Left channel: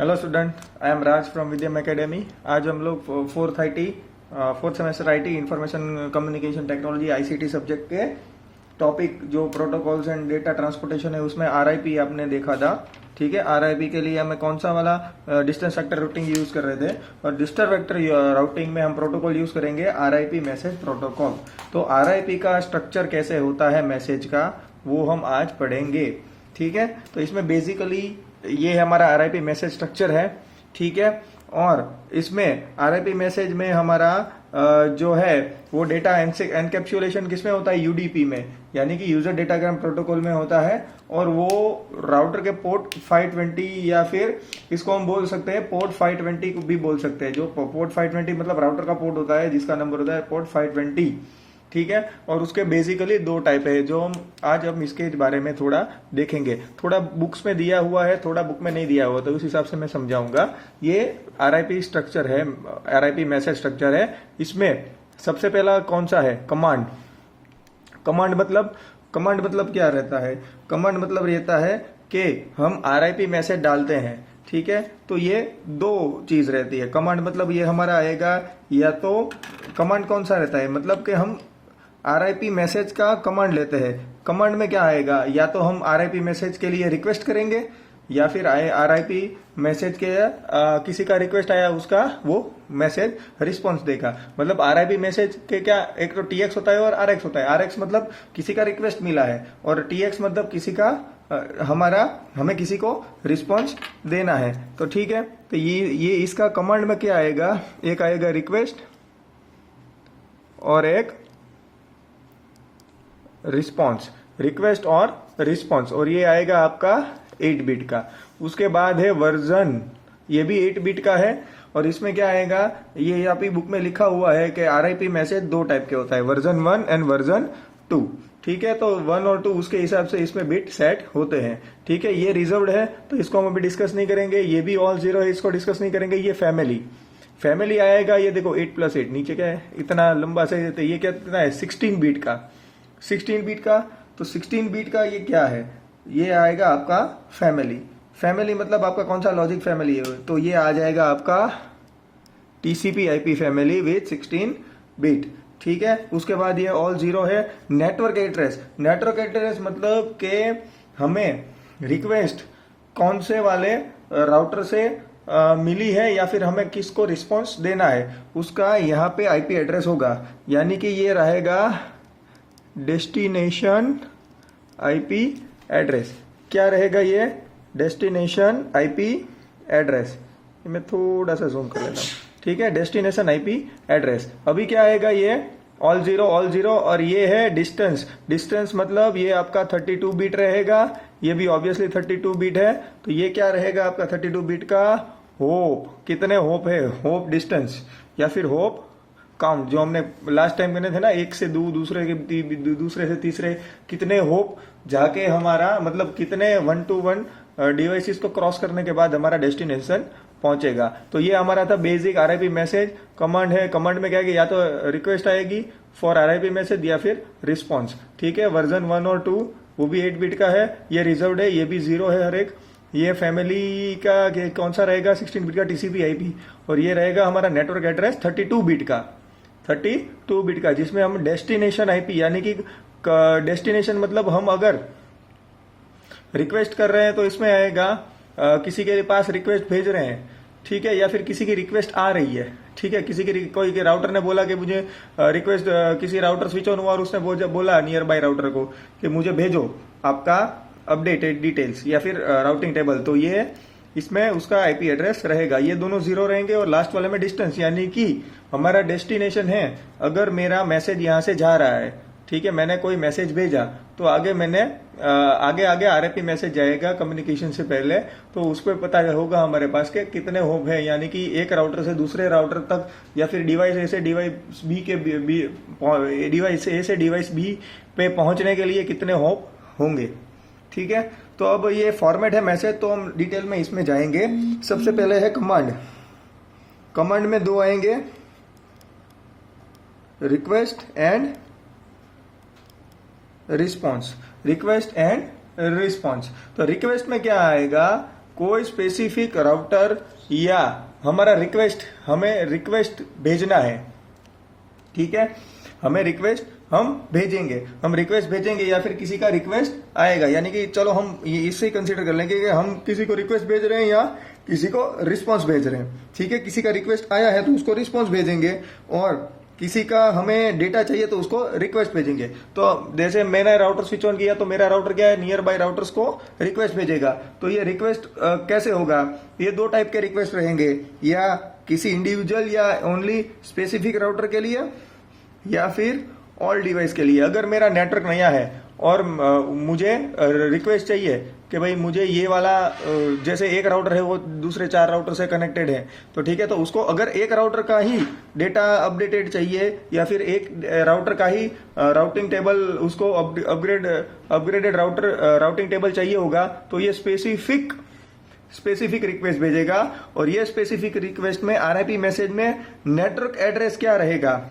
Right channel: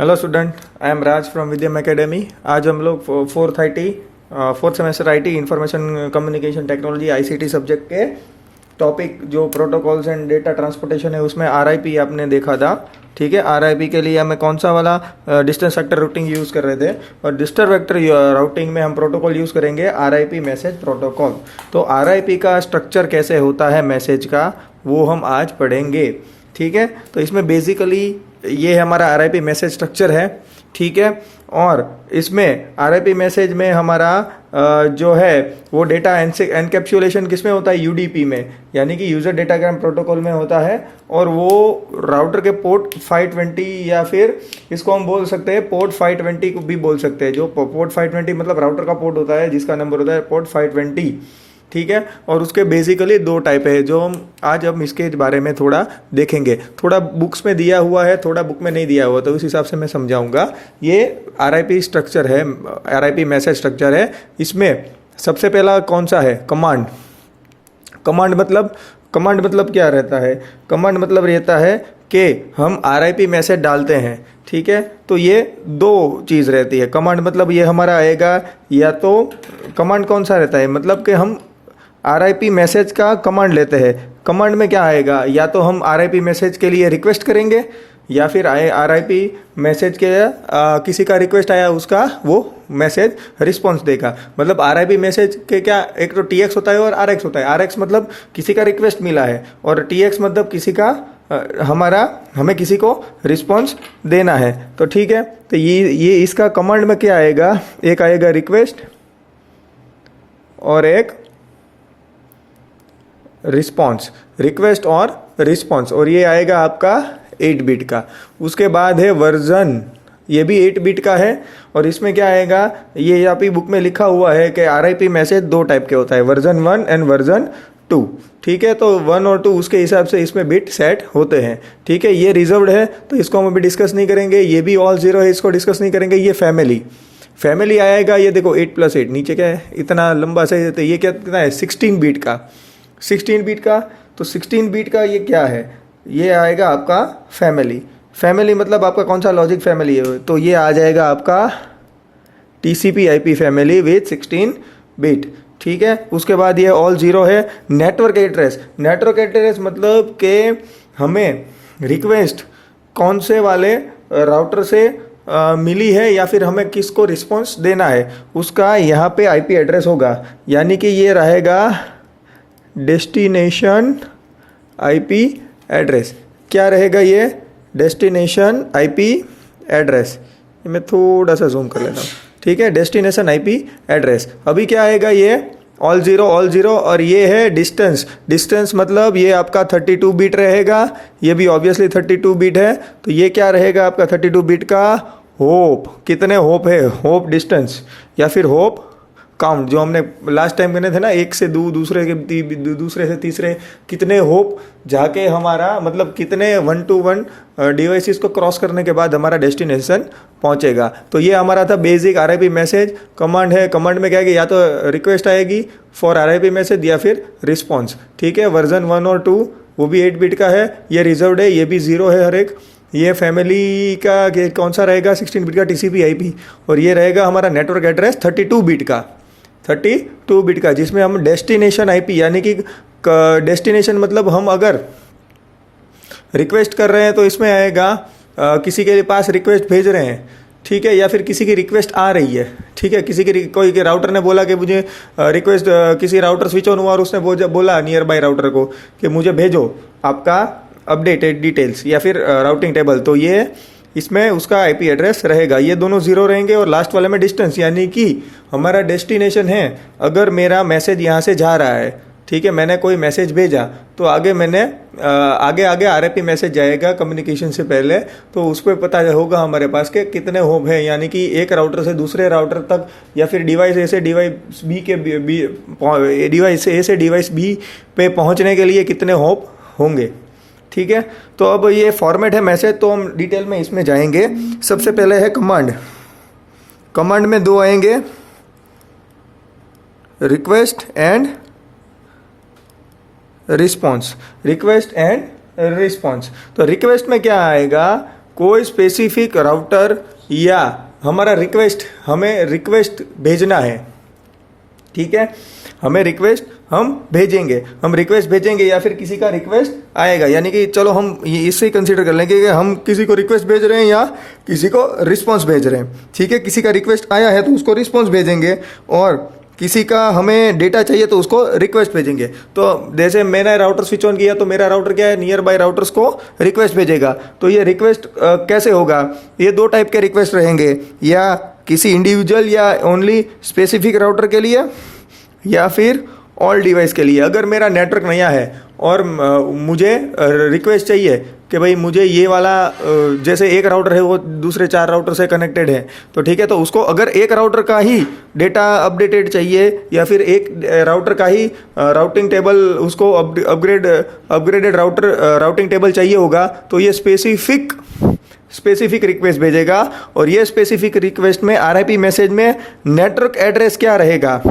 Hello student, I am Raj from Vidyam academy. आज हम लोग fourth semester IT information communication technology ICT subject के topic जो प्रोटोकॉल्स एंड डेटा ट्रांसपोर्टेशन है उसमें आरआईपी आपने देखा था। ठीक है, आरआईपी के लिए हमें कौन सा वाला डिस्टेंस वेक्टर रूटिंग यूज़ कर रहे थे, और डिस्टेंस वेक्टर रूटिंग में हम प्रोटोकॉल यूज़ करेंगे आरआईपी मैसेज प्रोटोकॉल। तो आरआईपी का स्ट्रक्चर कैसे होता है मैसेज का, वो हम आज पढ़ेंगे। ठीक है, तो इसमें बेसिकली ये हमारा आरआईपी मैसेज स्ट्रक्चर है। ठीक है, और इसमें आरआईपी मैसेज में हमारा जो है वो डेटा एनकैप्सुलेशन किस में होता है, यूडीपी में, यानी कि यूजर डेटाग्राम प्रोटोकॉल में होता है। और वो राउटर के पोर्ट 520 या फिर इसको हम बोल सकते हैं पोर्ट 520 को भी बोल सकते हैं। जो पोर्ट 520 मतलब राउटर का पोर्ट होता है जिसका नंबर होता है पोर्ट 520। ठीक है, और उसके बेसिकली दो टाइप है जो हम इसके बारे में थोड़ा देखेंगे। थोड़ा बुक्स में दिया हुआ है, थोड़ा बुक में नहीं दिया हुआ, तो उस हिसाब से मैं समझाऊंगा। ये आरआईपी स्ट्रक्चर है, आरआईपी मैसेज स्ट्रक्चर है। इसमें सबसे पहला कौन सा है, कमांड। कमांड मतलब क्या रहता है, कमांड मतलब रहता है कि हम आरआईपी मैसेज डालते हैं। ठीक है, तो ये दो चीज़ रहती है। कमांड मतलब ये हमारा आएगा, या तो कमांड कौन सा रहता है, मतलब कि हम आरआईपी मैसेज का कमांड लेते हैं। कमांड में क्या आएगा, या तो हम आरआईपी मैसेज के लिए रिक्वेस्ट करेंगे, या फिर आरआईपी मैसेज के किसी का रिक्वेस्ट आया उसका वो मैसेज रिस्पॉन्स देगा। मतलब आरआईपी मैसेज के क्या, एक तो टीएक्स होता है और आरएक्स होता है। आरएक्स मतलब किसी का रिक्वेस्ट मिला है, और टीएक्स मतलब किसी का हमें किसी को रिस्पॉन्स देना है। तो ठीक है, तो ये इसका कमांड में क्या आएगा, एक आएगा रिक्वेस्ट और एक रिस्पॉन्स, रिक्वेस्ट और रिस्पॉन्स, और ये आएगा आपका 8 बिट का। उसके बाद है वर्जन, ये भी 8 बिट का है। और इसमें क्या आएगा, ये यहाँ पे बुक में लिखा हुआ है कि आरआईपी मैसेज दो टाइप के होता है, वर्जन 1 एंड वर्जन 2। ठीक है, तो 1 और 2 उसके हिसाब से इसमें बिट सेट होते हैं। ठीक है, ये रिजर्व्ड है तो इसको हम अभी डिस्कस नहीं करेंगे। ये भी ऑल 0 है, इसको डिस्कस नहीं करेंगे। ये फैमिली आएगा, ये देखो 8+8 नीचे क्या है, इतना लंबा से, तो ये क्या कितना है, 16 बिट का। 16 बिट का, तो 16 बिट का ये क्या है, ये आएगा आपका फैमिली मतलब आपका कौन सा लॉजिक फैमिली है, तो ये आ जाएगा आपका TCP IP family with 16 bit. ठीक है, उसके बाद ये ऑल 0 है। नेटवर्क एड्रेस मतलब कि हमें रिक्वेस्ट कौन से वाले राउटर से मिली है, या फिर हमें किसको रिस्पॉन्स देना है, उसका यहाँ पे आईपी एड्रेस होगा। यानी कि ये रहेगा डेस्टिनेशन आईपी एड्रेस। क्या रहेगा ये, डेस्टिनेशन आईपी एड्रेस। मैं थोड़ा सा जूम कर लेता हूँ। ठीक है, डेस्टिनेशन आईपी एड्रेस। अभी क्या आएगा, ये ऑल जीरो, और ये है डिस्टेंस मतलब ये आपका 32 बिट रहेगा। ये भी ऑब्वियसली 32 बिट है। तो ये क्या रहेगा आपका 32 बिट का होप। कितने होप है, होप डिस्टेंस या फिर होप काउंट, जो हमने लास्ट टाइम करने थे ना, एक से दूसरे से तीसरे, कितने होप जाके हमारा मतलब कितने 1 to 1 डिवाइसेस को क्रॉस करने के बाद हमारा डेस्टिनेशन पहुंचेगा। तो ये हमारा था बेसिक आरआईपी मैसेज। कमांड है, कमांड में क्या आएगी, या तो रिक्वेस्ट आएगी फॉर आरआईपी मैसेज या फिर रिस्पॉन्स। ठीक है, वर्जन 1 और 2 वो भी 8 बिट का है। ये रिजर्व्ड है, ये भी 0 है हर एक। ये फैमिली का कौन सा रहेगा, 16 बिट का टीसीपी आईपी। और ये रहेगा हमारा नेटवर्क एड्रेस 32 बिट का, जिसमें हम डेस्टिनेशन आईपी, यानी कि डेस्टिनेशन मतलब हम अगर रिक्वेस्ट कर रहे हैं तो इसमें आएगा किसी के पास रिक्वेस्ट भेज रहे हैं। ठीक है, या फिर किसी की रिक्वेस्ट आ रही है। ठीक है, कोई के राउटर ने बोला कि मुझे रिक्वेस्ट, किसी राउटर स्विच ऑन हुआ और उसने बोला नियर बाय राउटर को कि मुझे भेजो आपका अपडेटेड डिटेल्स या फिर राउटिंग टेबल। तो ये इसमें उसका आईपी एड्रेस रहेगा। ये दोनों 0 रहेंगे, और लास्ट वाले में डिस्टेंस, यानी कि हमारा डेस्टिनेशन है। अगर मेरा मैसेज यहाँ से जा रहा है, ठीक है, मैंने कोई मैसेज भेजा, तो आगे आरआईपी मैसेज जाएगा कम्युनिकेशन से पहले। तो उस पर पता होगा हमारे पास के कितने होप है, यानी कि एक राउटर से दूसरे राउटर तक, या फिर डिवाइस ए से डिवाइस बी पे पहुँचने के लिए कितने होप होंगे। ठीक है, तो अब ये फॉर्मेट है मैसेज, तो हम डिटेल में इसमें जाएंगे। सबसे पहले है कमांड में 2 आएंगे, रिक्वेस्ट एंड रिस्पॉन्स। तो रिक्वेस्ट में क्या आएगा, कोई स्पेसिफिक राउटर या हमारा रिक्वेस्ट, हमें रिक्वेस्ट भेजना है, ठीक है, हमें रिक्वेस्ट हम रिक्वेस्ट भेजेंगे या फिर किसी का रिक्वेस्ट आएगा, यानी कि चलो हम इससे कंसीडर कर लेंगे कि हम किसी को रिक्वेस्ट भेज रहे हैं या किसी को रिस्पॉन्स भेज रहे हैं, ठीक है। किसी का रिक्वेस्ट आया है तो उसको रिस्पॉन्स भेजेंगे, और किसी का हमें डेटा चाहिए तो उसको रिक्वेस्ट भेजेंगे। तो जैसे मैंने राउटर स्विच ऑन किया तो मेरा राउटर क्या है, नियर बाय राउटर्स को रिक्वेस्ट भेजेगा। तो ये रिक्वेस्ट कैसे होगा, ये दो टाइप के रिक्वेस्ट रहेंगे, या किसी इंडिविजुअल या ओनली स्पेसिफिक राउटर के लिए, या फिर ऑल डिवाइस के लिए। अगर मेरा नेटवर्क नया है और मुझे रिक्वेस्ट चाहिए कि भाई मुझे ये वाला, जैसे एक राउटर है वो दूसरे 4 राउटर से कनेक्टेड है, तो ठीक है, तो उसको अगर एक राउटर का ही डेटा अपडेटेड चाहिए या फिर एक राउटर का ही राउटिंग टेबल, उसको अपग्रेडेड राउटिंग टेबल चाहिए होगा, तो ये स्पेसिफिक रिक्वेस्ट भेजेगा। और ये स्पेसिफिक रिक्वेस्ट में RIP मैसेज में नेटवर्क एड्रेस क्या रहेगा,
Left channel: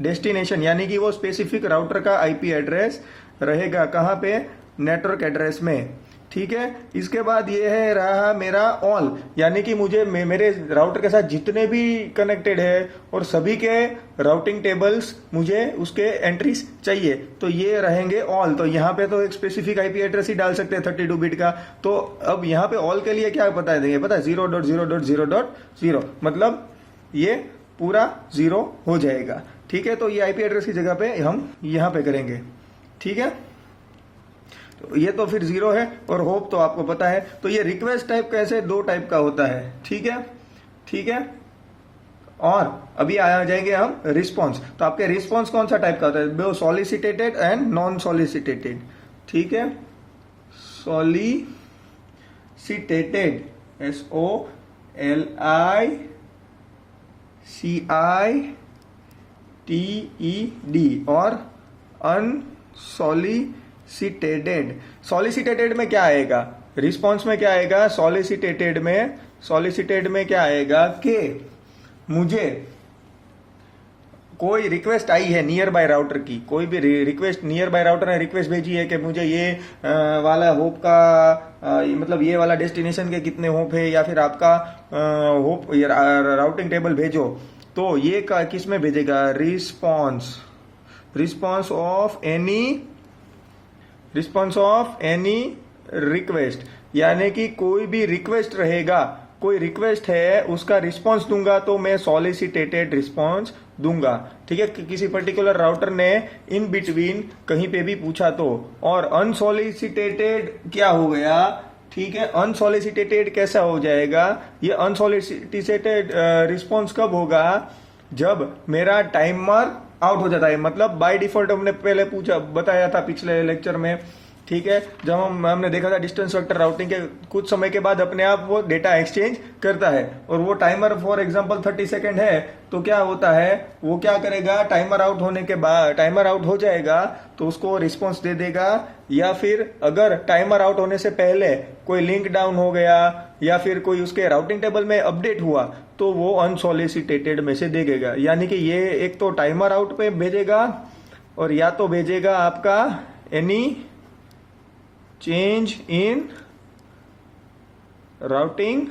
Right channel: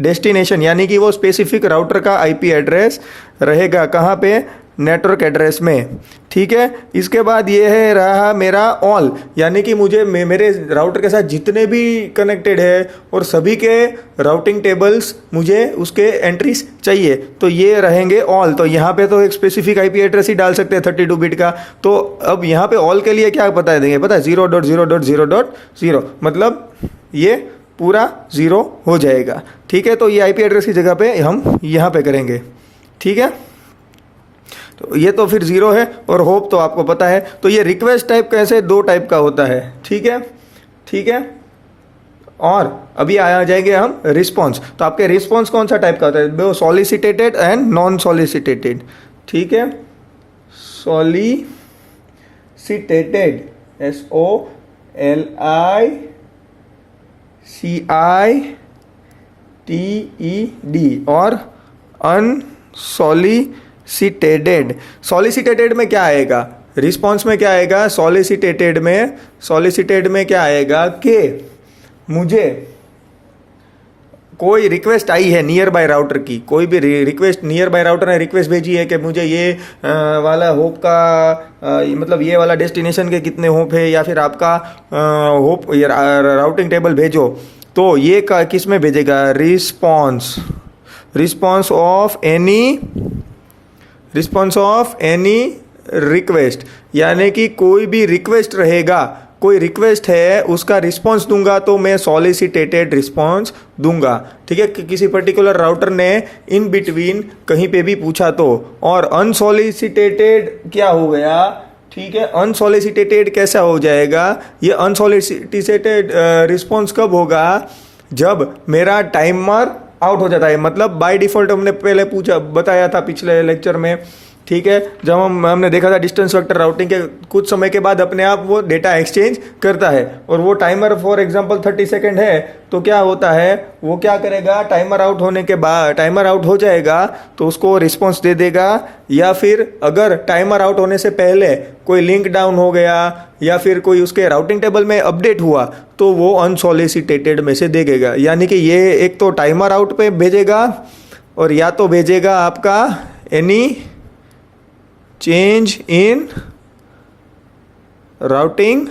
डेस्टिनेशन, यानी कि वो स्पेसिफिक राउटर का IP एड्रेस रहेगा कहाँ पे, नेटवर्क एड्रेस में, ठीक है। इसके बाद ये है रहा मेरा ऑल, यानी कि मुझे मेरे राउटर के साथ जितने भी कनेक्टेड है और सभी के राउटिंग टेबल्स मुझे उसके एंट्रीज चाहिए, तो ये रहेंगे ऑल। तो यहाँ पे तो एक स्पेसिफिक IP एड्रेस ही डाल सकते हैं 32 बिट का। तो अब यहाँ पे ऑल के लिए क्या बता देंगे, पता है 0.0.0.0, मतलब ये पूरा 0 हो जाएगा, ठीक है। तो ये IP एड्रेस की जगह पे हम यहाँ पे करेंगे, ठीक है। तो ये तो फिर 0 है, और होप तो आपको पता है। तो ये रिक्वेस्ट टाइप कैसे 2 टाइप का होता है, ठीक है, ठीक है। और अभी आ जाएंगे हम रिस्पॉन्स। तो आपके रिस्पॉन्स कौन सा टाइप का होता है, वो सॉलिसिटेटेड एंड नॉन सॉलिसिटेटेड, ठीक है। सॉलिसिटेटेड SOLICITED और अनसॉलिसिटेटेड। सॉलिसिटेटेड में क्या आएगा, रिस्पॉन्स में क्या आएगा, सॉलिसिटेटेड में क्या आएगा कि मुझे कोई रिक्वेस्ट आई है नियर बाय राउटर की, कोई भी रिक्वेस्ट नियर बाय राउटर ने रिक्वेस्ट भेजी है कि मुझे ये वाला होप का मतलब ये वाला डेस्टिनेशन के कितने होप है, या फिर आपका होप राउटिंग टेबल भेजो। तो ये किस में भेजेगा, रिस्पॉन्स ऑफ एनी रिक्वेस्ट, यानी कि कोई भी रिक्वेस्ट रहेगा, कोई रिक्वेस्ट है उसका रिस्पॉन्स दूंगा तो मैं सॉलिसिटेटेड रिस्पॉन्स दूंगा, ठीक है। किसी पर्टिकुलर राउटर ने इन बिटवीन कहीं पे भी पूछा तो। और अनसॉलिसिटेटेड क्या हो गया, ठीक है, अनसॉलिसिटेटेड कैसा हो जाएगा, ये अनसॉलिसिटेटेड रिस्पॉन्स कब होगा, जब मेरा टाइमर आउट हो जाता है। मतलब बाय डिफॉल्ट हमने पहले बताया था पिछले लेक्चर में, ठीक है, जब हमने देखा था डिस्टेंस वेक्टर राउटिंग के कुछ समय के बाद अपने आप वो डेटा एक्सचेंज करता है, और वो टाइमर फॉर एग्जांपल 30 सेकेंड है, तो क्या होता है, वो क्या करेगा, टाइमर आउट होने के बाद, टाइमर आउट हो जाएगा तो उसको रिस्पॉन्स दे देगा। या फिर अगर टाइमर आउट होने से पहले कोई लिंक डाउन हो गया या फिर कोई उसके राउटिंग टेबल में अपडेट हुआ तो वो अनसॉलिसिटेटेड में से देगा। यानी कि ये एक तो टाइमर आउट पे भेजेगा, और या तो भेजेगा आपका any change in routing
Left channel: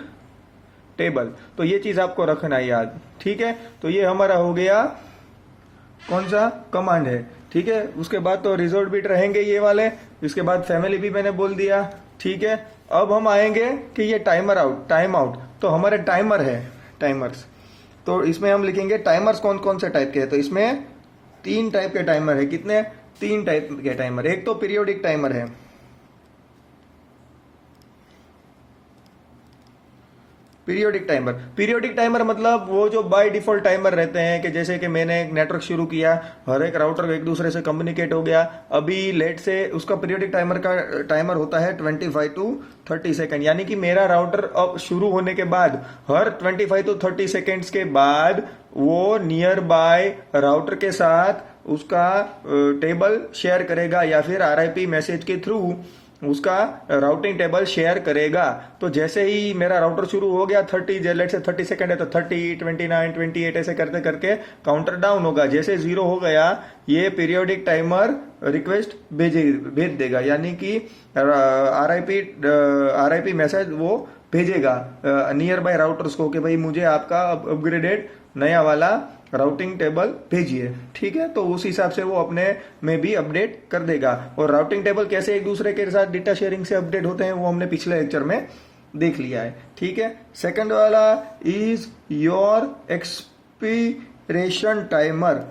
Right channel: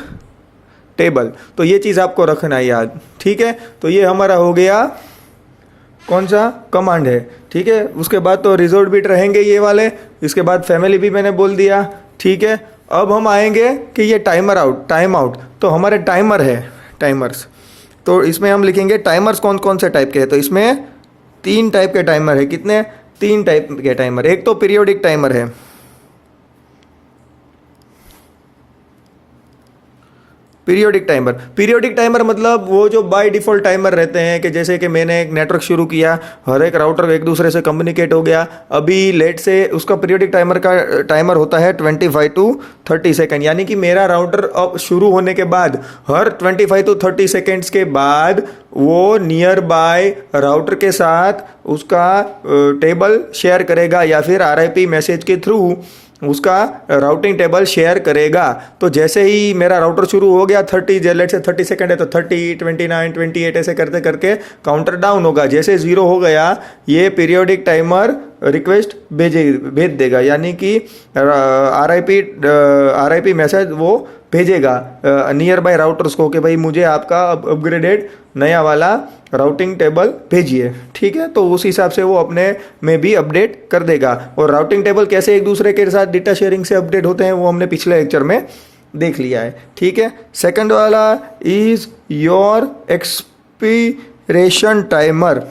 table. तो ये चीज़ आपको रखना है याद, ठीक है। तो ये हमारा हो गया कौन सा कमांड है, ठीक है। उसके बाद तो रिजोल्ट बिट रहेंगे ये वाले, इसके बाद फैमिली भी मैंने बोल दिया, ठीक है। अब हम आएंगे कि ये टाइम आउट, तो हमारे टाइमर है, टाइमर्स, तो इसमें हम लिखेंगे टाइमर्स कौन कौन से टाइप के हैं। तो इसमें 3 टाइप के टाइमर है, कितने, 3 टाइप के टाइमर। एक तो पीरियोडिक टाइमर है, पीरियोडिक टाइमर मतलब वो जो बाय डिफॉल्ट टाइमर रहते हैं, कि जैसे कि मैंने एक नेटवर्क शुरू किया, हर एक राउटर एक दूसरे से कम्युनिकेट हो गया, अभी लेट से उसका पीरियोडिक टाइमर का टाइमर होता है 25 to 30 सेकेंड। यानी कि मेरा राउटर अब शुरू होने के बाद हर 25 to 30 सेकेंड्स के बाद वो नियर बाय राउटर के साथ उसका टेबल शेयर करेगा, या फिर RIP मैसेज के थ्रू उसका राउटिंग टेबल शेयर करेगा। तो जैसे ही मेरा राउटर शुरू हो गया 30 सेकंड है तो 30, 29, 28 ऐसे करते करके काउंटर डाउन होगा। जैसे 0 हो गया ये पीरियोडिक टाइमर रिक्वेस्ट भेज देगा, यानी कि RIP मैसेज वो भेजेगा नियर बाय राउटर्स को कि भाई मुझे आपका अपग्रेडेड नया वाला राउटिंग टेबल भेजिए, ठीक है। तो उस हिसाब से वो अपने में भी अपडेट कर देगा। और राउटिंग टेबल कैसे एक दूसरे के साथ डेटा शेयरिंग से अपडेट होते हैं वो हमने पिछले लेक्चर में देख लिया है, ठीक है। सेकंड वाला is your expiration timer.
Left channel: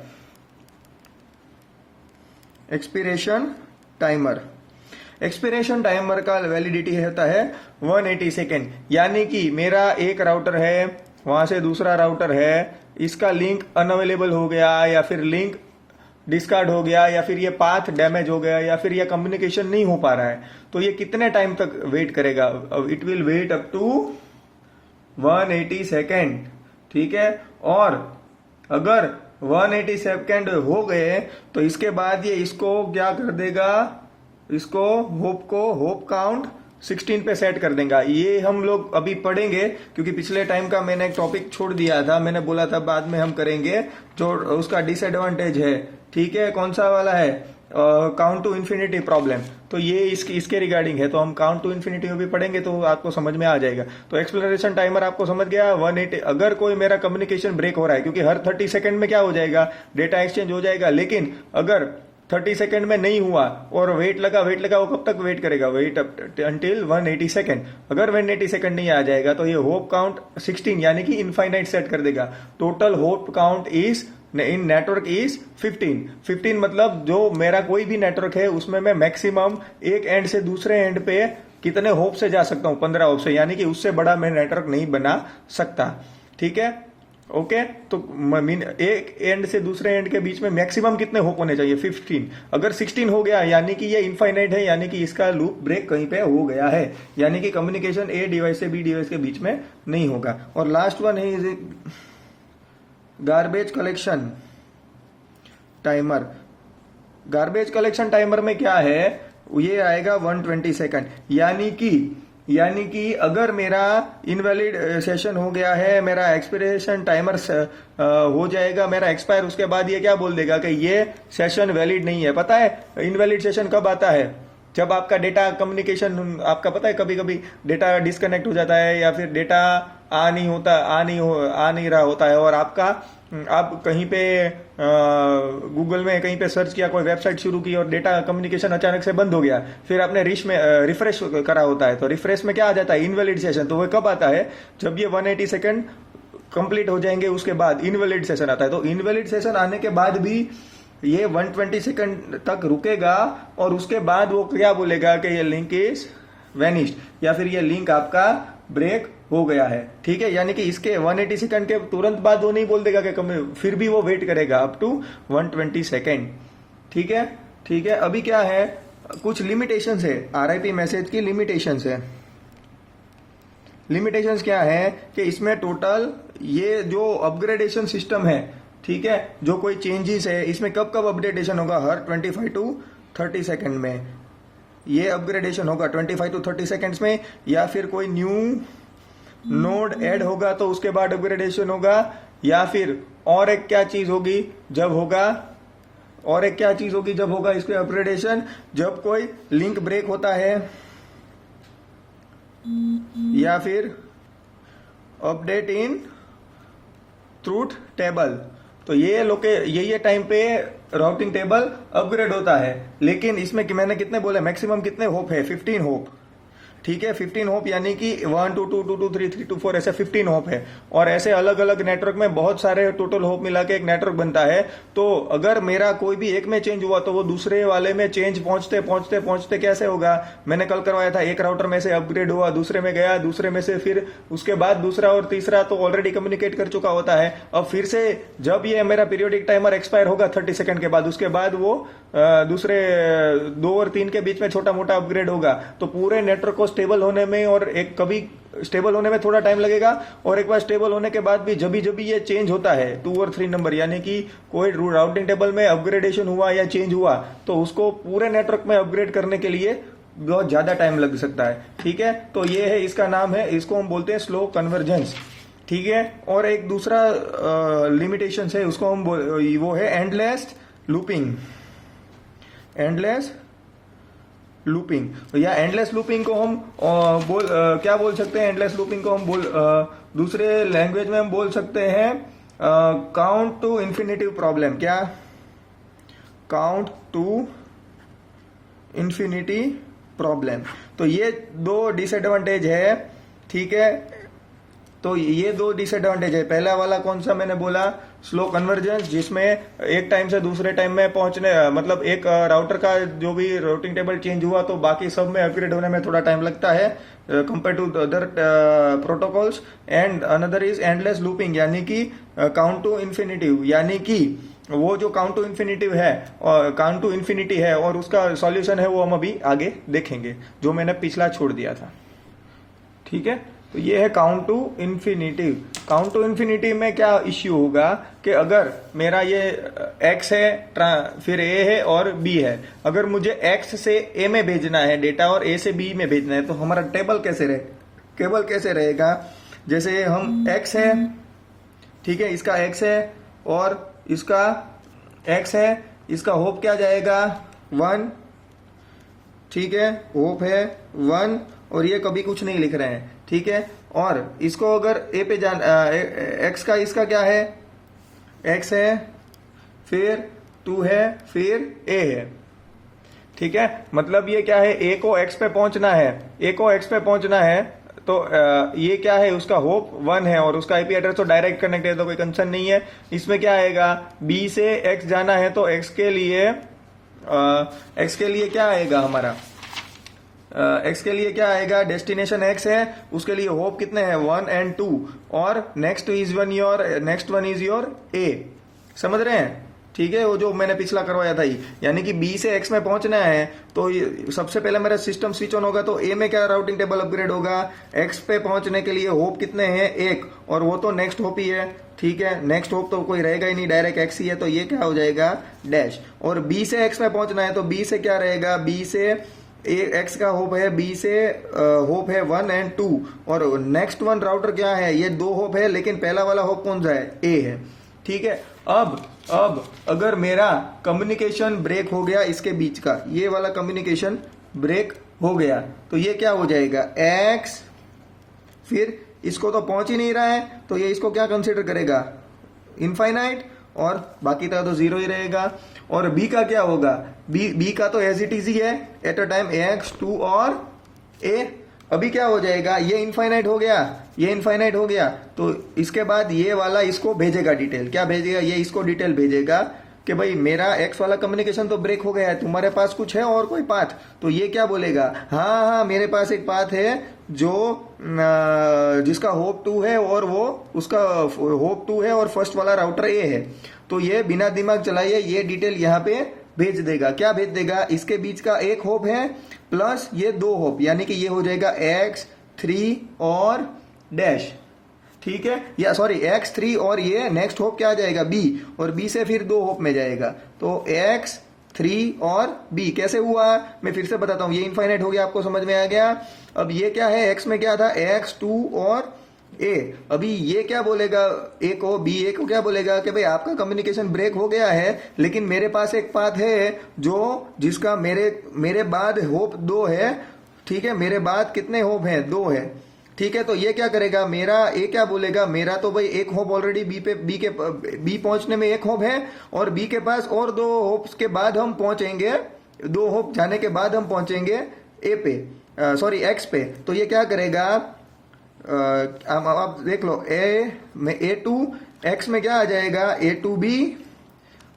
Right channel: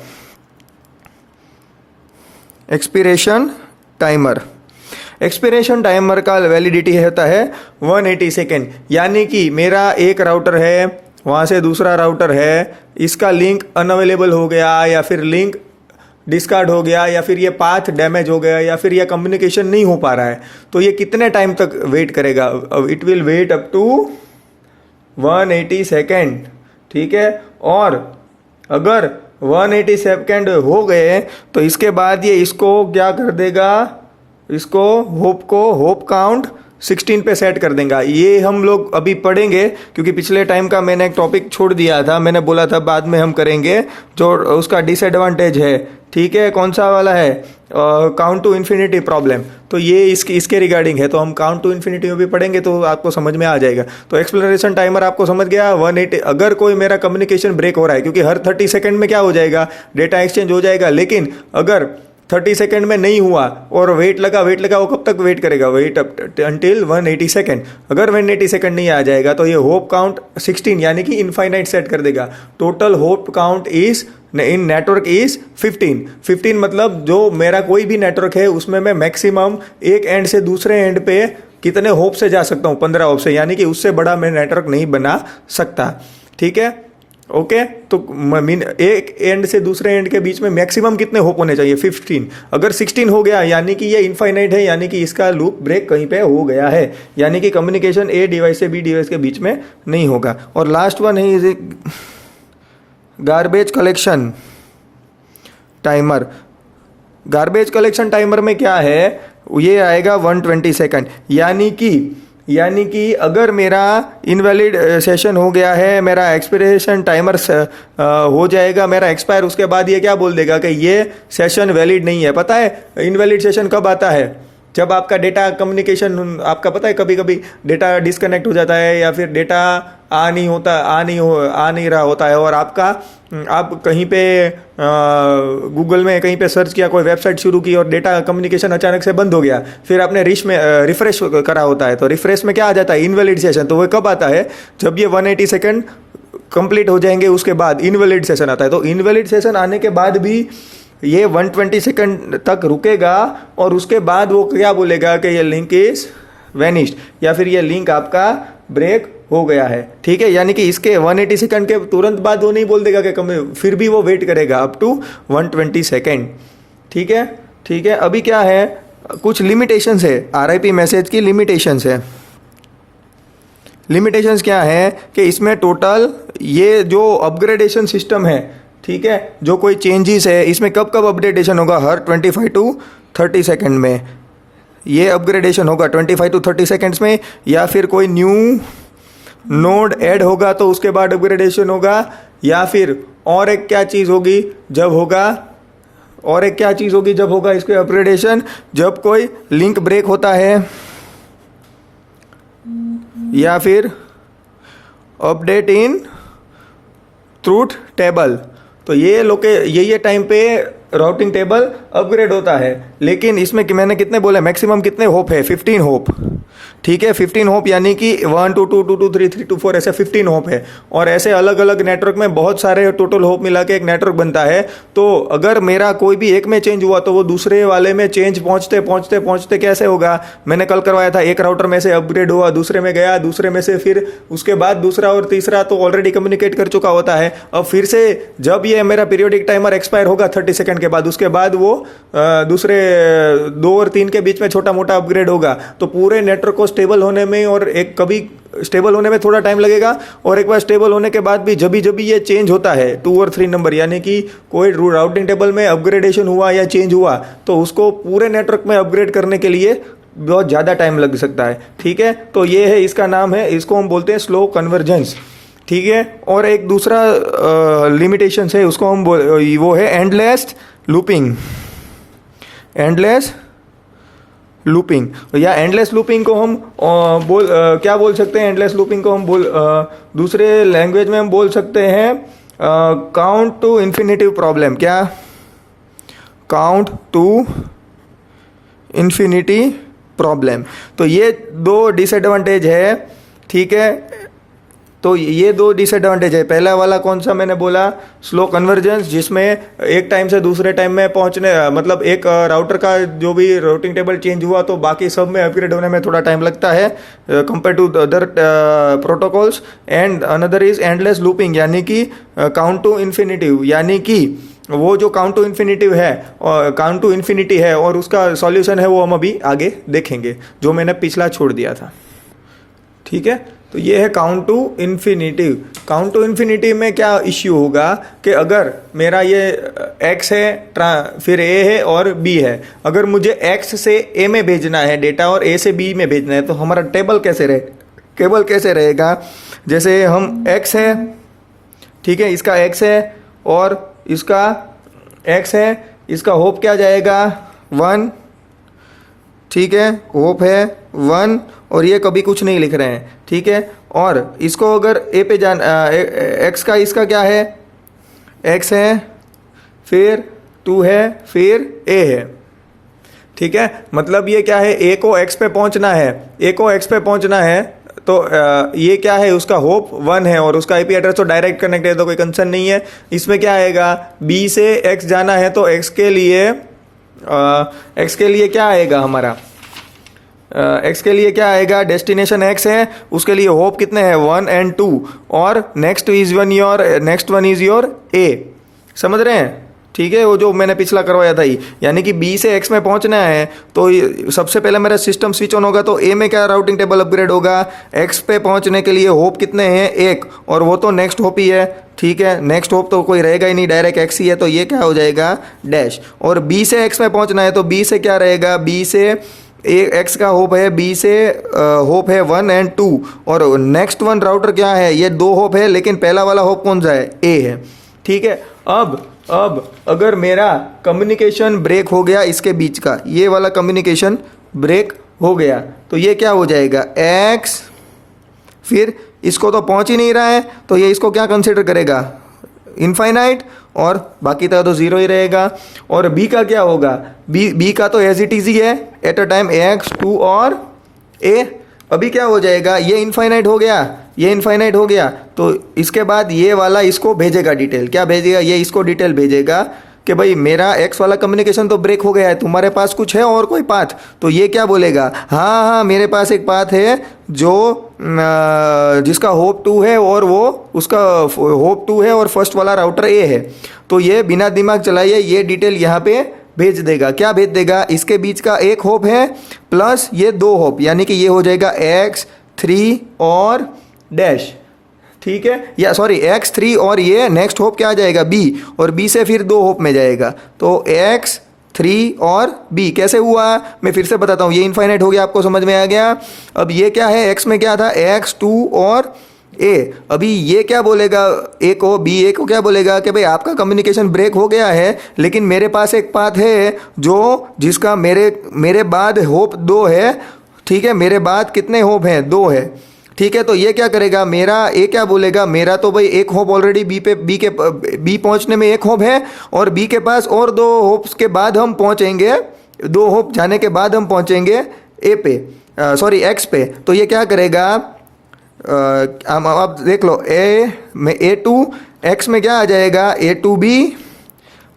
Expiration timer, expiration timer का वैलिडिटी होता है 180 सेकेंड। यानी कि मेरा एक राउटर है, वहाँ से दूसरा राउटर है, इसका लिंक अनअवेलेबल हो गया या फिर लिंक डिस्कार्ड हो गया या फिर ये पाथ डैमेज हो गया या फिर ये कम्युनिकेशन नहीं हो पा रहा है, तो ये कितने टाइम तक वेट करेगा? It will wait up to 180 second, ठीक है। और अगर 180 सेकेंड हो गए तो इसके बाद ये इसको क्या कर देगा, इसको होप काउंट 16 पे सेट कर देगा। ये हम लोग अभी पढ़ेंगे क्योंकि पिछले टाइम का मैंने एक टॉपिक छोड़ दिया था, मैंने बोला था बाद में हम करेंगे, जो उसका डिसएडवांटेज है, ठीक है। कौन सा वाला है? Count to infinity problem. तो ये इसके रिगार्डिंग है, तो हम काउंट टू इन्फिनिटी में भी पढ़ेंगे तो आपको समझ में आ जाएगा। तो एक्सप्लोरेशन टाइमर आपको समझ गया 180। अगर कोई मेरा कम्युनिकेशन ब्रेक हो रहा है, क्योंकि हर 30 सेकेंड में क्या हो जाएगा, डेटा एक्सचेंज हो जाएगा, लेकिन अगर 30 सेकेंड में नहीं हुआ और वेट लगा, वो कब तक वेट करेगा? Wait until 180 second. अगर 180 सेकेंड नहीं आ जाएगा तो ये होप काउंट 16 यानी कि इनफाइनाइट सेट कर देगा। Total hope count is in network is 15 मतलब जो मेरा कोई भी नेटवर्क है उसमें मैं मैक्सिमम एक एंड से दूसरे एंड पे कितने होप से जा सकता हूँ? 15 होप से, यानी कि उससे बड़ा मैं नेटवर्क नहीं बना सकता, ठीक है। ओके, तो एक एंड से दूसरे एंड के बीच में मैक्सिमम कितने होप होने चाहिए? 15। अगर 16 हो गया यानी कि ये इनफाइनाइट है, यानी कि इसका लूप ब्रेक कहीं पे हो गया है, यानी कि कम्युनिकेशन ए डिवाइस से बी डिवाइस के बीच में नहीं होगा। और लास्ट वन है garbage collection timer. Garbage collection timer में क्या है, ये आएगा 120 सेकेंड। यानी कि अगर मेरा इनवैलिड सेशन हो गया है, मेरा एक्सपायरेशन टाइमर हो जाएगा, मेरा एक्सपायर, उसके बाद ये क्या बोल देगा कि ये सेशन वैलिड नहीं है। पता है इनवैलिड सेशन कब आता है? जब आपका डेटा कम्युनिकेशन, आपका पता है कभी कभी डेटा डिस्कनेक्ट हो जाता है या फिर डेटा आ नहीं रहा होता है, और आप कहीं पे गूगल में कहीं पे सर्च किया, कोई वेबसाइट शुरू की और डेटा कम्युनिकेशन अचानक से बंद हो गया, फिर आपने रिफ्रेश करा होता है, तो रिफ्रेश में क्या आ जाता है? Invalid session. तो वो कब आता है? जब ये 180 सेकेंड कंप्लीट हो जाएंगे उसके बाद इनवैलिड सेशन आता है। तो इनवैलिड सेशन आने के बाद भी ये 120 सेकंड तक रुकेगा और उसके बाद वो क्या बोलेगा कि ये लिंक इज वेनिश्ड या फिर ये लिंक आपका ब्रेक हो गया है, ठीक है। यानी कि इसके 180 सेकंड के तुरंत बाद वो नहीं बोल देगा कि फिर भी वो वेट करेगा अप टू 120 सेकंड, ठीक है। अभी क्या है, कुछ लिमिटेशंस है, RIP मैसेज की लिमिटेशंस है। लिमिटेशंस क्या है कि इसमें टोटल ये जो अपग्रेडेशन सिस्टम है, ठीक है, जो कोई चेंजेस है इसमें कब अपडेटेशन होगा? हर 25 टू 30 सेकेंड में ये अपग्रेडेशन होगा, 25 टू 30 सेकेंड्स में। या फिर कोई न्यू नोड ऐड होगा तो उसके बाद अपग्रेडेशन होगा। या फिर और एक क्या चीज़ होगी जब होगा इसके अपग्रेडेशन? जब कोई लिंक ब्रेक होता है या फिर अपडेट इन ट्रूथ टेबल। तो ये टाइम पे राउटिंग टेबल अपग्रेड होता है। लेकिन इसमें मैंने कितने बोले, मैक्सिमम कितने होप है? 15 होप, ठीक है। 15 होप यानी कि 1 2 2 2 2 3 3 2 4 ऐसे 15 होप है। और ऐसे अलग अलग नेटवर्क में बहुत सारे टोटल होप मिला के एक नेटवर्क बनता है। तो अगर मेरा कोई भी एक में चेंज हुआ तो वो दूसरे वाले में चेंज पहुंचते कैसे होगा? मैंने कल करवाया था, एक राउटर में से अपग्रेड हुआ, दूसरे में गया, दूसरे में से फिर उसके बाद दूसरा और तीसरा तो ऑलरेडी कम्युनिकेट कर चुका होता है। अब फिर से जब ये मेरा पीरियोडिक टाइमर एक्सपायर होगा 30 सेकंड के बाद, उसके बाद वो दूसरे 2 और 3 के बीच में छोटा मोटा अपग्रेड होगा। तो पूरे नेटवर्क को स्टेबल होने में और एक कभी स्टेबल होने में थोड़ा टाइम लगेगा, और एक बार स्टेबल होने के बाद भी जब भी ये चेंज होता है 2 और 3 नंबर, यानी कि कोई राउटिंग टेबल में अपग्रेडेशन हुआ या चेंज हुआ, तो उसको पूरे नेटवर्क में अपग्रेड करने के लिए बहुत ज़्यादा टाइम लग सकता है, ठीक है। तो ये है, इसका नाम है, इसको हम बोलते हैं स्लो कन्वर्जेंस, ठीक है। और एक दूसरा लिमिटेशन है, उसको हम वो है एंडलेस लूपिंग। एंडलेस लूपिंग, या एंडलेस लूपिंग को हम क्या बोल सकते हैं? एंडलेस लूपिंग को हम दूसरे लैंग्वेज में हम बोल सकते हैं काउंट टू इन्फिनिटिव प्रॉब्लम। क्या? Count to infinity problem. तो ये दो डिसएडवांटेज है, ठीक है। तो ये दो डिसएडवांटेज है। पहला वाला कौन सा मैंने बोला? स्लो कन्वर्जेंस, जिसमें एक टाइम से दूसरे टाइम में पहुंचने, मतलब एक राउटर का जो भी राउटिंग टेबल चेंज हुआ तो बाकी सब में अपग्रेड होने में थोड़ा टाइम लगता है compare to other protocols. And another is endless looping, यानी कि काउंट टू इन्फिनिटिव, यानी कि वो जो काउंट टू इन्फिनिटिव है और काउंट टू इन्फिनिटी है और उसका सॉल्यूशन है वो हम अभी आगे देखेंगे, जो मैंने पिछला छोड़ दिया था, ठीक है। तो ये है count to infinitive. Count to infinity में क्या इश्यू होगा कि अगर मेरा ये x है, फिर a है और b है, अगर मुझे x से a में भेजना है डेटा और a से b में भेजना है, तो हमारा टेबल कैसे रहेगा? जैसे हम x है, ठीक है, इसका x है और इसका x है, इसका होप क्या जाएगा? 1, ठीक है, होप है 1, और ये कभी कुछ नहीं लिख रहे हैं, ठीक है। और इसको अगर ए पे एक्स का, इसका क्या है? एक्स है, फिर 2 है, फिर ए है, ठीक है। मतलब ये क्या है? ए को एक्स पे पहुंचना है, तो ये क्या है? उसका होप 1 है और उसका आईपी एड्रेस तो डायरेक्ट कनेक्ट है, तो कोई कंसर्न नहीं है। इसमें क्या आएगा? बी से एक्स जाना है तो एक्स के लिए क्या आएगा हमारा? एक्स के लिए क्या आएगा? डेस्टिनेशन एक्स है, उसके लिए होप कितने हैं? 1 और 2, और नेक्स्ट वन इज योर ए। समझ रहे हैं? ठीक है, वो जो मैंने पिछला करवाया था, यानी कि बी से एक्स में पहुंचना है तो सबसे पहले मेरा सिस्टम स्विच ऑन होगा, तो ए में क्या राउटिंग टेबल अपग्रेड होगा? एक्स पे पहुंचने के लिए होप कितने हैं? 1, और वो तो नेक्स्ट होप ही है, ठीक है। नेक्स्ट होप तो कोई रहेगा ही नहीं, डायरेक्ट एक्स ही है, तो ये क्या हो जाएगा? डैश। और बी से एक्स में पहुंचना है तो बी से क्या रहेगा? बी से एक्स का होप है, बी से होप है 1 और 2, और नेक्स्ट वन राउटर क्या है? ये 2 होप है, लेकिन पहला वाला होप कौन सा है? ए है, ठीक है। अब अगर मेरा कम्युनिकेशन ब्रेक हो गया इसके बीच का, ये वाला कम्युनिकेशन ब्रेक हो गया, तो ये क्या हो जाएगा? एक्स, फिर इसको तो पहुंच ही नहीं रहा है, तो ये इसको क्या कंसिडर करेगा? इनफाइनाइट, और बाकी तक तो 0 ही रहेगा। और बी का क्या होगा? बी का तो एज इट इज ही है, एट अ टाइम एक्स, 2 और ए। अभी क्या हो जाएगा? ये इनफाइनाइट हो गया, तो इसके बाद ये वाला इसको भेजेगा डिटेल। क्या भेजेगा? ये इसको डिटेल भेजेगा कि भाई मेरा एक्स वाला कम्युनिकेशन तो ब्रेक हो गया है, तुम्हारे पास कुछ है और कोई पाथ? तो ये क्या बोलेगा? हाँ, मेरे पास एक पाथ है जो जिसका होप 2 है, और वो उसका होप 2 है और फर्स्ट वाला राउटर ए है। तो ये बिना दिमाग चलाइए ये डिटेल यहाँ पे भेज देगा। क्या भेज देगा? इसके बीच का एक होप है प्लस ये 2 होप, यानी कि ये हो जाएगा x 3 और डैश, ठीक है, या सॉरी x3, और ये नेक्स्ट होप क्या आ जाएगा? b, और b से फिर 2 होप में जाएगा, तो x3 और b। कैसे हुआ? मैं फिर से बताता हूँ, ये इनफाइनाइट हो गया, आपको समझ में आ गया। अब ये क्या है? x में क्या था? x2 और a। अभी ये क्या बोलेगा? a को क्या बोलेगा कि भाई आपका कम्युनिकेशन ब्रेक हो गया है, लेकिन मेरे पास एक पाथ है जिसका मेरे बाद होप 2 है, ठीक है। मेरे बाद कितने होप हैं? 2 है, ठीक है। तो ये क्या करेगा? मेरा ए क्या बोलेगा? मेरा तो भाई एक होप ऑलरेडी बी पहुंचने में एक होप है, और बी के पास और 2 होप्स के बाद हम पहुंचेंगे, 2 होप जाने के बाद हम पहुंचेंगे ए पे, सॉरी एक्स पे। तो ये क्या करेगा? आप देख लो, ए में A2, एक्स में क्या आ जाएगा? A2B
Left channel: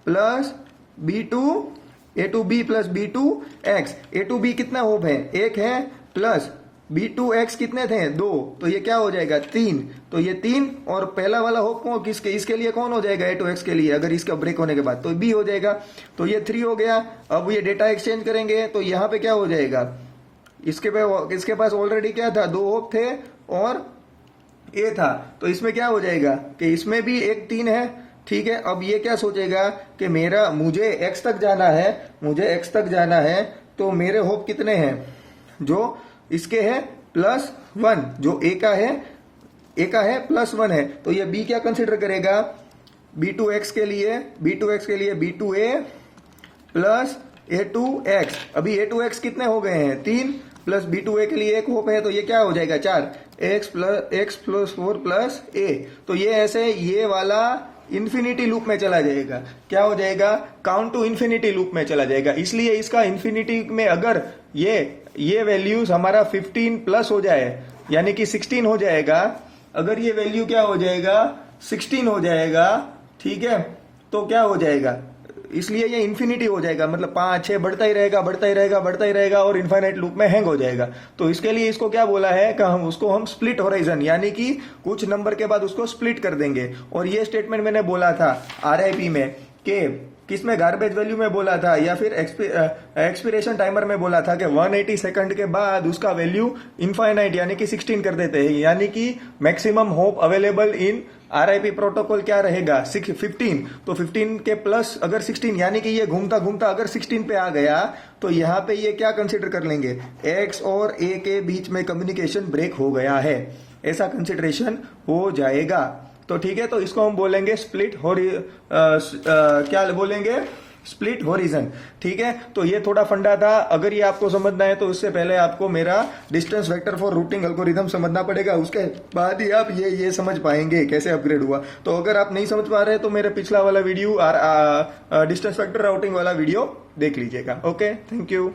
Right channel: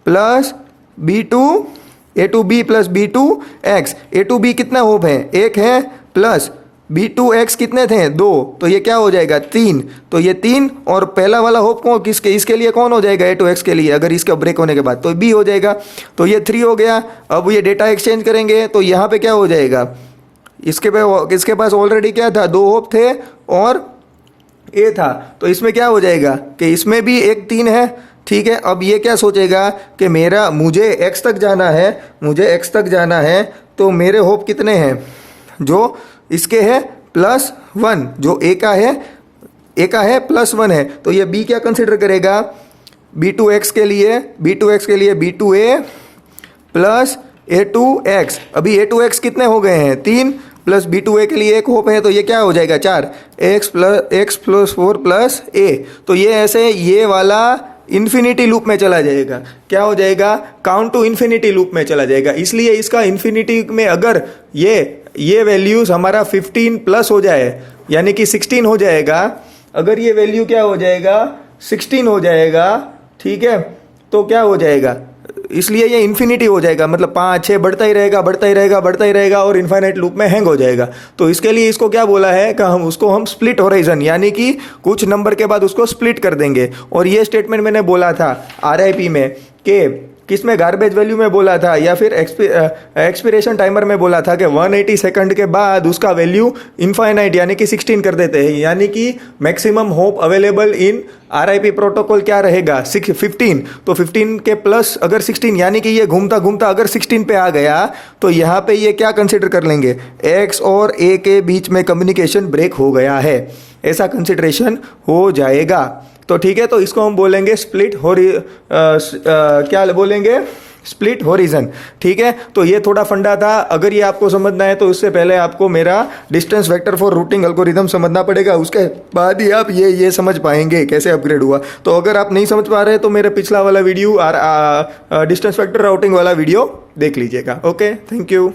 plus B2, A2B plus B2X। A2B कितना होप है? 1 है, प्लस B2X कितने थे? 2, तो ये क्या हो जाएगा? 3। तो ये 3, और पहला वाला होप कौन इसके लिए कौन हो जाएगा? A2X के लिए, अगर इसका ब्रेक होने के बाद तो B हो जाएगा, तो ये 3 हो गया। अब ये डेटा एक्सचेंज करेंगे तो यहाँ पे क्या हो जाएगा? इसके पास ऑलरेडी क्या था? 2 होप थे और ए था, तो इसमें क्या हो जाएगा कि इसमें भी एक 3 है, ठीक है। अब ये क्या सोचेगा कि मुझे एक्स तक जाना है, तो मेरे होप कितने हैं? जो इसके है +1, जो ए का है +1 है, तो ये बी क्या कंसिडर करेगा? B2X के लिए B2A प्लस A2x, अभी A2x कितने हो गए हैं 3 प्लस B2A के लिए 1 होप है तो ये क्या हो जाएगा 4, x प्लस 4 प्लस A। तो ये ऐसे ये वाला इन्फिनिटी लूप में चला जाएगा, क्या हो जाएगा काउंट टू इन्फिनिटी लूप में चला जाएगा। इसलिए इसका इन्फिनिटी में अगर ये वैल्यूज हमारा 15 प्लस हो जाए यानी कि 16 हो जाएगा, अगर ये वैल्यू क्या हो जाएगा 16 हो जाएगा, ठीक है, तो क्या हो जाएगा, इसलिए ये इन्फिनिटी हो जाएगा, मतलब 5 6 बढ़ता ही रहेगा बढ़ता ही रहेगा बढ़ता ही रहेगा और इन्फाइनाइट लूप में हैंग हो जाएगा। तो इसके लिए इसको क्या बोला है कि हम स्प्लिट होराइजन यानी कि कुछ नंबर के बाद उसको स्प्लिट कर देंगे। और ये स्टेटमेंट मैंने बोला था RIP में कि किस में गार्बेज वैल्यू में बोला था या फिर एक्सपिरेशन टाइमर में बोला था कि 180 सेकंड के बाद उसका वैल्यू इनफाइनाइट यानी कि 16 कर देते हैं, यानी कि maximum hope available in RIP protocol क्या रहेगा 15। तो 15 के प्लस अगर 16 यानी कि ये घूमता घूमता अगर 16 पे आ गया तो यहाँ पे ये क्या कंसिडर कर लेंगे X और A के बीच में कम्युनिकेशन ब्रेक हो गया है, ऐसा कंसिडरेशन हो जाएगा। तो ठीक है, तो इसको हम बोलेंगे क्या बोलेंगे स्प्लिट होरिजन। ठीक है, तो ये थोड़ा फंडा था, अगर ये आपको समझना है तो उससे पहले आपको मेरा distance vector for routing algorithm समझना पड़ेगा, उसके बाद ही आप ये समझ पाएंगे कैसे अपग्रेड हुआ। तो अगर आप नहीं समझ पा रहे तो मेरा पिछला वाला वीडियो डिस्टेंस वेक्टर राउटिंग वाला वीडियो देख लीजिएगा। Okay, thank you.